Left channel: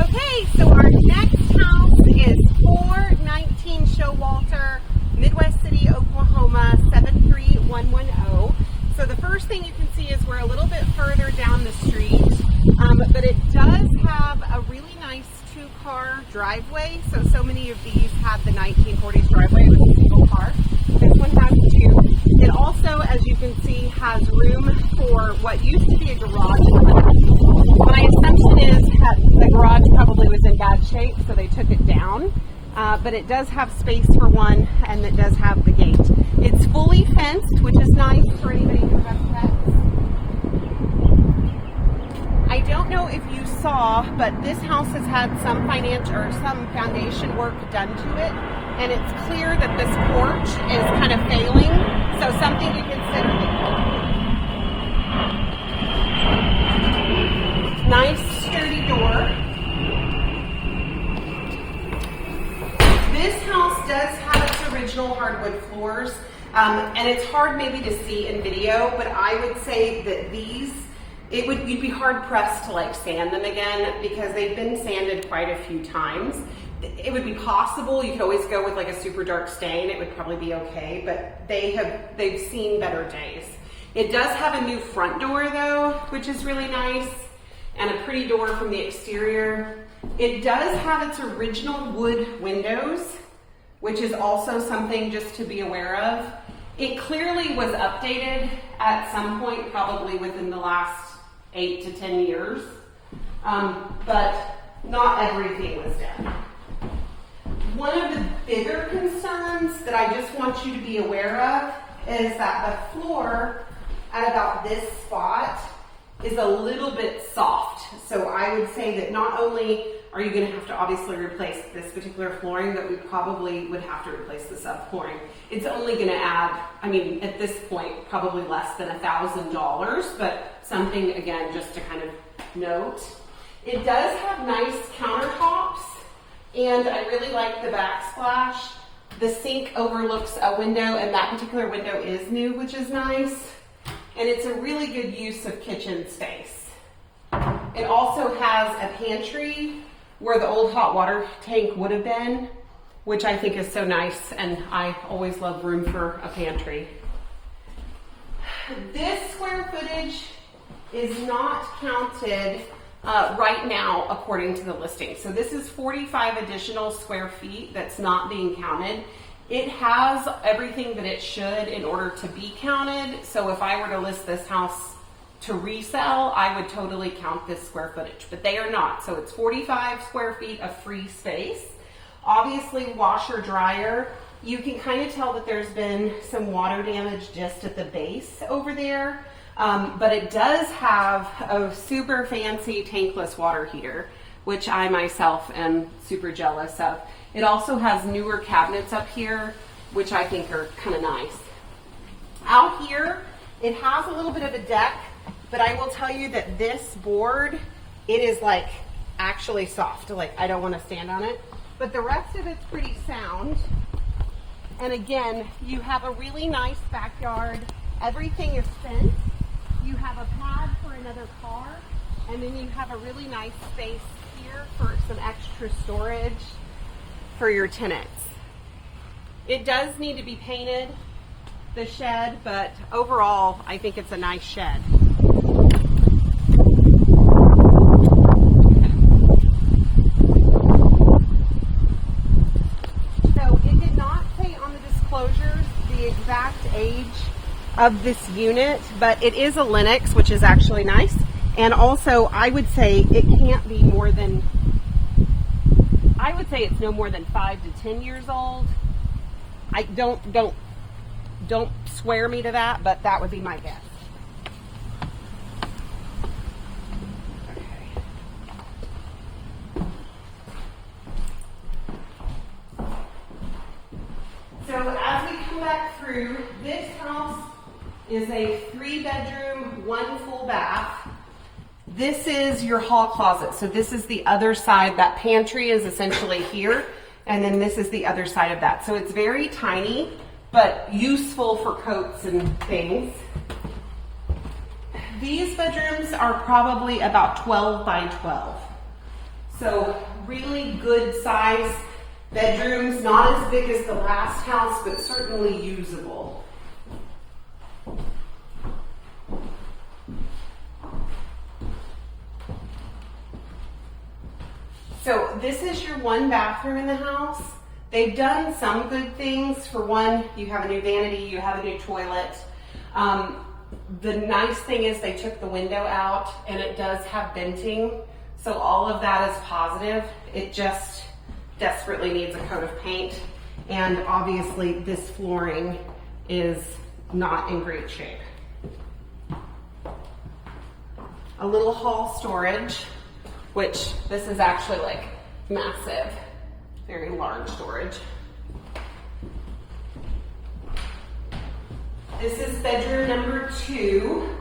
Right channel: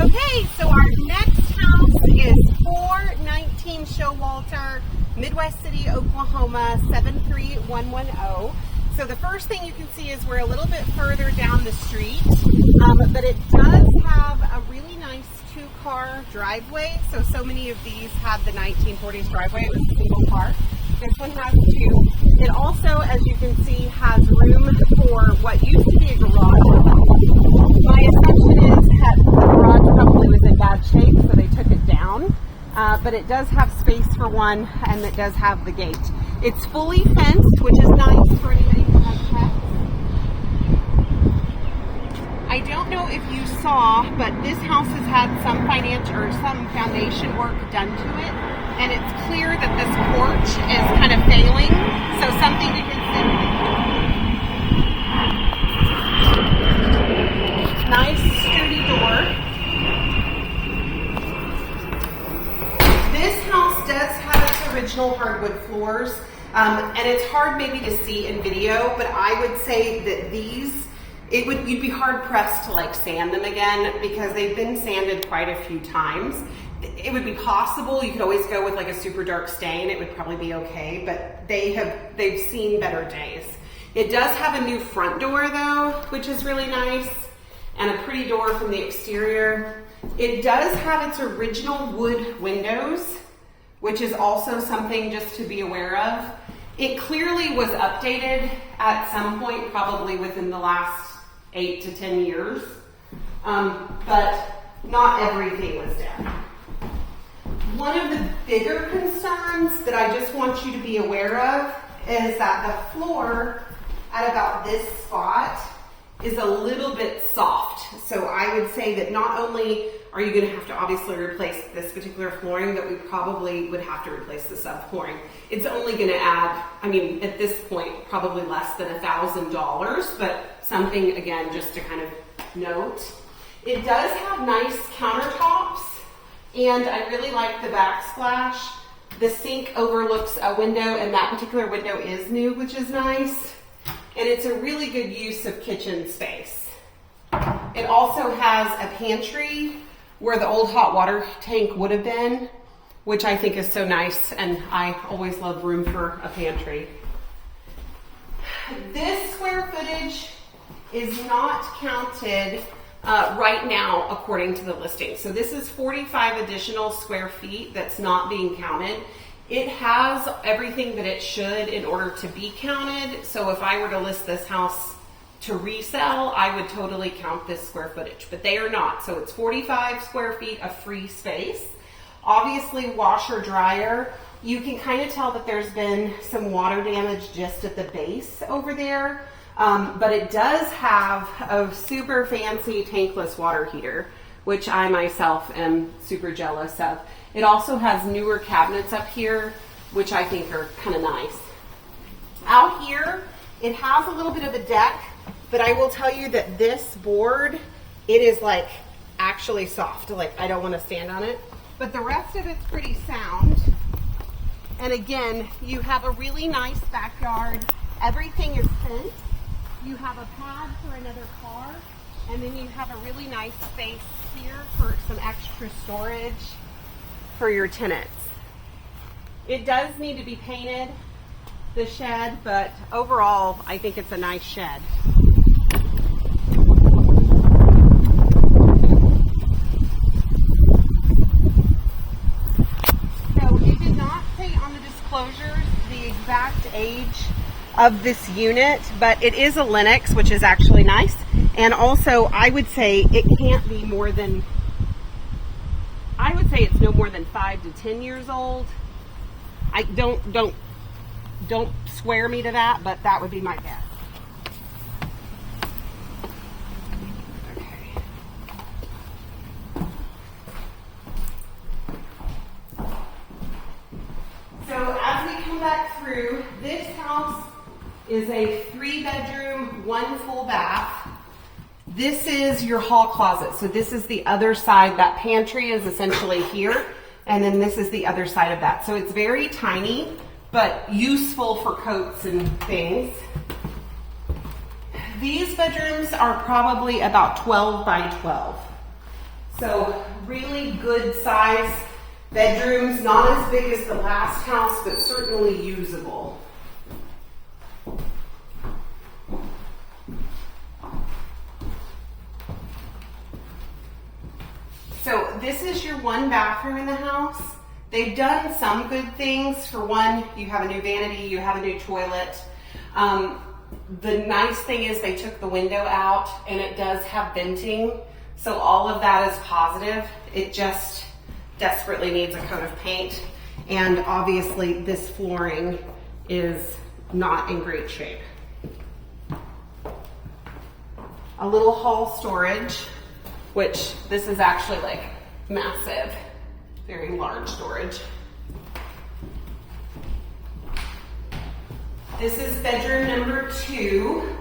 Okay, so our next house is 419 Showalter, Midwest City, Oklahoma, 73110. So the first thing you can see is we're a little bit further down the street, but it does have a really nice two-car driveway. So many of these have the 1940s driveway with a single car. This one has two. It also, as you can see, has room for what used to be a garage. My assumption is that the garage probably was in bad shape, so they took it down. But it does have space for one, and it does have the gate. It's fully fenced, which is nice for anybody who has pets. I don't know if you saw, but this house has had some foundation work done to it, and it's clear that this porch is kind of failing, so something to consider. Nice sturdy door. This house does have its original hardwood floors, and it's hard maybe to see in video, but I would say that these, you'd be hard pressed to like sand them again because they've been sanded quite a few times. It would be possible, you could always go with like a super dark stain, it would probably be okay, but they've seen better days. It does have a new front door though, which is really nice, and a pretty door from the exterior. It does have its original wood windows, which is also something just to be aware of. It clearly was updated at some point, probably within the last 8 to 10 years, but not everything was done. One of the bigger concerns that I just want you to be aware of is that the floor at about this spot is a little bit soft. So I would say that not only are you going to have to obviously replace this particular flooring, but we probably would have to replace the subflooring. It's only going to add, I mean, at this point, probably less than $1,000, but something, again, just to kind of note. It does have nice countertops, and I really like the backsplash. The sink overlooks a window, and that particular window is new, which is nice. And it's a really good use of kitchen space. It also has a pantry where the old hot water tank would have been, which I think is so nice, and I always love room for a pantry. This square footage is not counted right now according to the listing. So this is 45 additional square feet that's not being counted. It has everything that it should in order to be counted. So if I were to list this house to resell, I would totally count this square footage, but they are not. So it's 45 square feet of free space. Obviously washer dryer. You can kind of tell that there's been some water damage just at the base over there. But it does have a super fancy tankless water heater, which I myself am super jealous of. It also has newer cabinets up here, which I think are kind of nice. Out here, it has a little bit of a deck, but I will tell you that this board, it is like actually soft. Like I don't want to stand on it, but the rest of it's pretty sound. And again, you have a really nice backyard. Everything is fenced. You have a pad for another car, and then you have a really nice space here for some extra storage for your tenants. It does need to be painted, the shed, but overall, I think it's a nice shed. So it did not say on the disclosures the exact age of this unit, but it is a Lennox, which is actually nice. And also, I would say it can't be more than, I would say it's no more than 5 to 10 years old. I don't swear me to that, but that would be my guess. So as we come back through, this house is a 3-bedroom, 1 full bath. This is your hall closet. So this is the other side. That pantry is essentially here, and then this is the other side of that. So it's very tiny, but useful for coats and things. These bedrooms are probably about 12 by 12. So really good size bedrooms, not as big as the last house, but certainly usable. So this is your one bathroom in the house. They've done some good things. For one, you have a new vanity, you have a new toilet. The nice thing is they took the window out and it does have venting. So all of that is positive. It just desperately needs a coat of paint. And obviously this flooring is not in great shape. A little hall storage, which this is actually like massive, very large storage. This is bedroom number 2.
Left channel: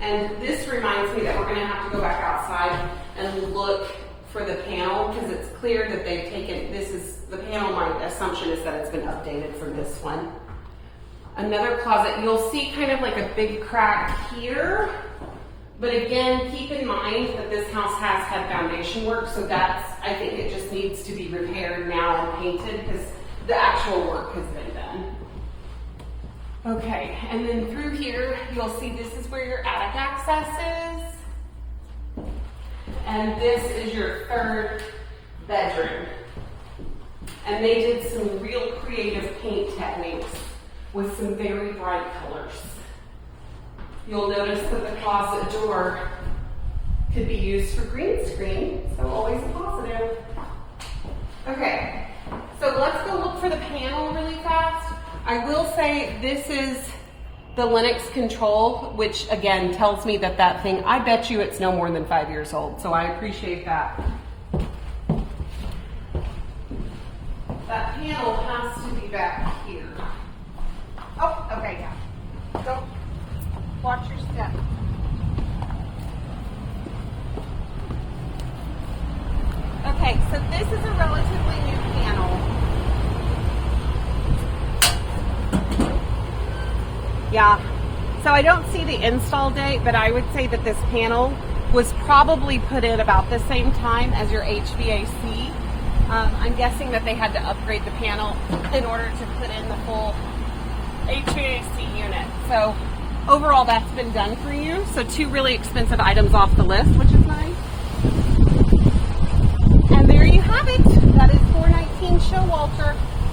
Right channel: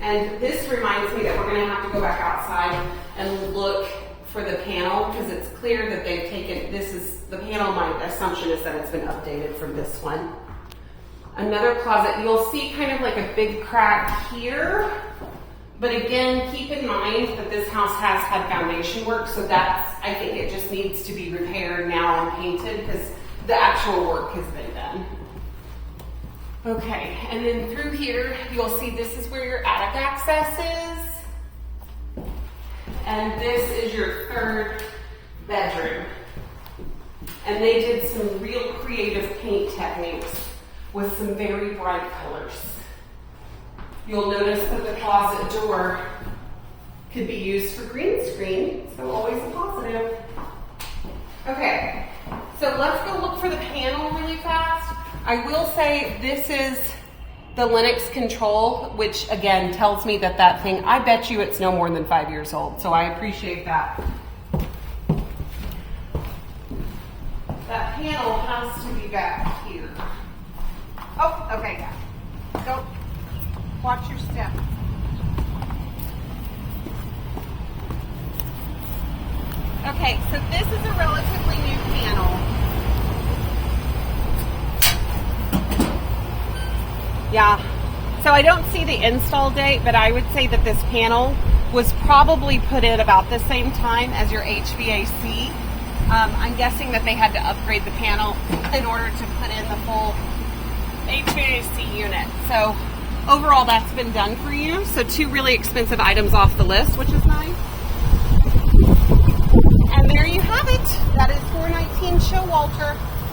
And this reminds me that we're gonna have to go back outside and look for the panel, because it's clear that they've taken, the panel, my assumption is that it's been updated from this one. Another closet, you'll see kind of like a big crack here, but again, keep in mind that this house has had foundation work, so I think it just needs to be repaired now and painted because the actual work has been done. Okay, and then through here, you'll see this is where your attic access is. And this is your 3rd bedroom. And they did some real creative paint techniques with some very bright colors. You'll notice that the closet door could be used for green screen, so always a positive. Okay, so let's go look for the panel really fast. I will say this is the Linux control, which again tells me that thing, I bet you it's no more than 5 years old, so I appreciate that. That panel has to be back here. Oh, okay, yeah. Go. Watch your step. Okay, so this is a relatively new panel. Yeah, so I don't see the install date, but I would say that this panel was probably put in about the same time as your HVAC. I'm guessing that they had to upgrade the panel in order to put in the full HVAC unit. So overall, that's been done for you. So 2 really expensive items off the list, which is nice. And there you have it. That is 419 Showalter.